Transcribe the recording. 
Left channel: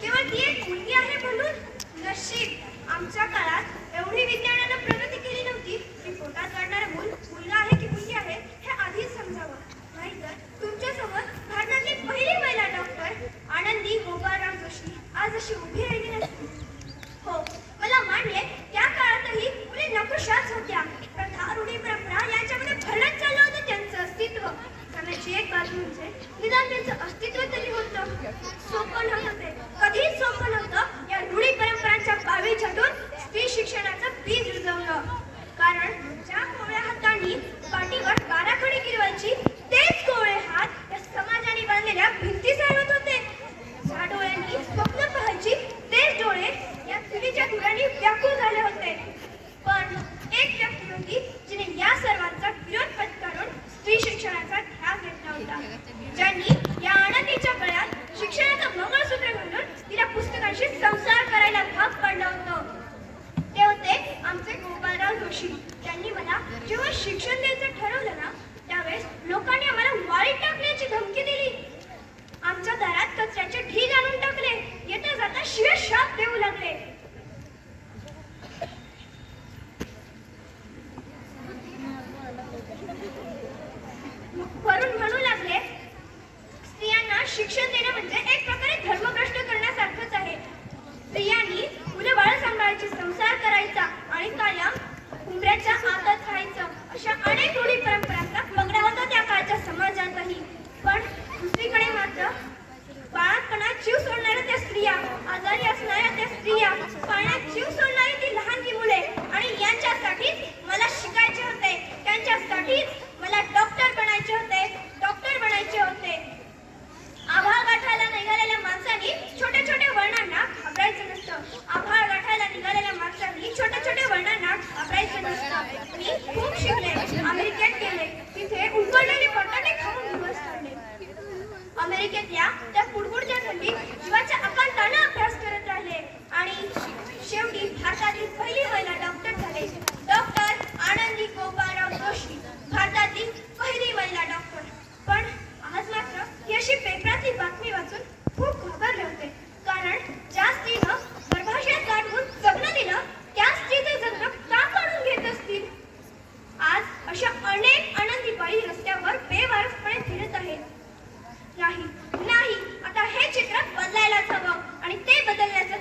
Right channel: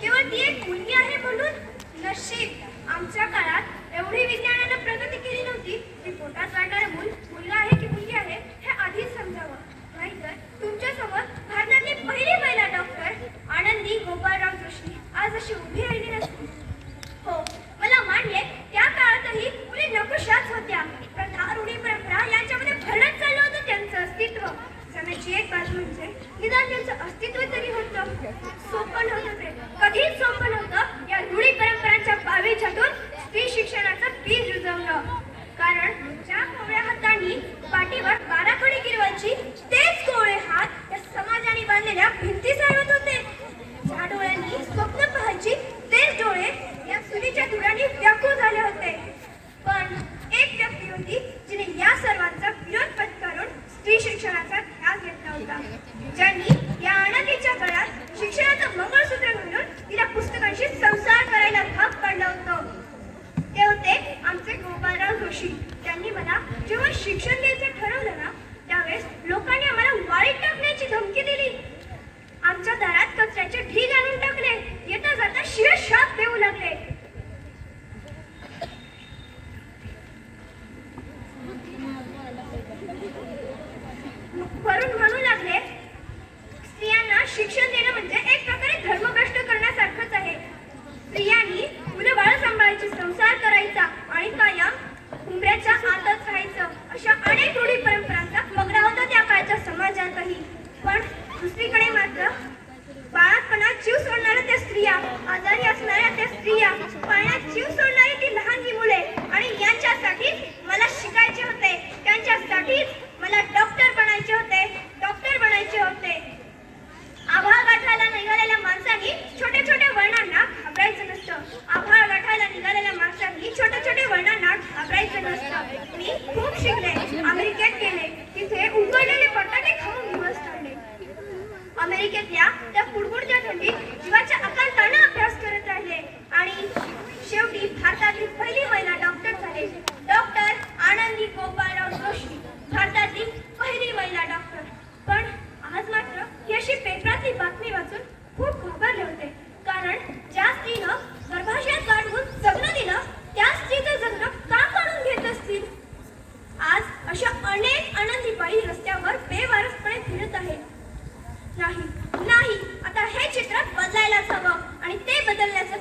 केवळ ती एक मुलगी आहे म्हणून नशीब. आमच्या काळात एवढी विज्ञानानं प्रगती केली नव्हती की पोटात वाढणारं मूल मुलगा आहे की मुलगी आहे हे आधीच समजावं. नाहीतर तुमच्यासमोर भारतातली पहिली महिला डॉक्टर आनंदी गोपाळराव जोशी आज अशी उभी राहिली नसती. हो मला मान्य त्या काळातही मुली नकुशाच होत्या. प्रथा रूढी परंपरा यांच्यामध्ये भरत चाललं होतं त्यांचं अस्तित्व. सांगायची एक बाजू म्हणजे निदान त्यांचं अस्तित्व तरी होतं. सोपं नव्हतं होती जिने या सर्वांचा विरोध पत्करून स्त्री शिक्षणाचा ध्यास घेतला होता. ज्यांनी या आनंदीच्या काळात शिक्षणाचं मंगळसूत्र घालून तिला पुस्तकांशी संसार करायला भाग पाडलं होतं. ते होते आमचे गोपाळराव जोशी. त्यांनी मला जेव्हा शिक्षण द्यायचं पाण्यात जीव सोडणारी ती लहानची मुले. आणि यांच्यासाठीच मला शिकायचे होते. त्यांच्यासाठीच मला डॉक्टर बनायचे होते. डॉक्टर बनायचे होते. आभाळ गाठायला निघालेल्या माणसांनी छोट्या छोट्या वर्णांना घाबरायचं नसतं. आभाळ गाठायला निघालेल्या माणसांनी छोट्या छोट्या वर्णांना घाबरायचं नसतं. मी खूप शिकले. अमेरिकेत गेले. तिथे उकडलेले बटाटे खाऊन दिवस काढले. अमेरिकेतल्या त्या कुडकुडच्या थंडीत जीवाच्या अकांतानं अभ्यास करत राहिले. आणि शेवटी भारतातील पहिली महिला डॉक्टर झाले डॉक्टर आनंदी गोपाळराव जोशी भारतातील पहिली महिला डॉक्टर पण आज मात्र ही अशी पेपरातली बातमी वाचून खूप घाबरले होते कारण ज्या स्त्रीनं गर्भाशयात काढून जगणं दिलं त्या स्त्रीचं जगणं का काढून घेत असतील आज अशा अनेक आनंदी बाई रस्त्यावर बेवारसपणे फिरत आहेत नाही नाही आता हे चित्र बदलायलाच हवं आणि ते बदलण्याचं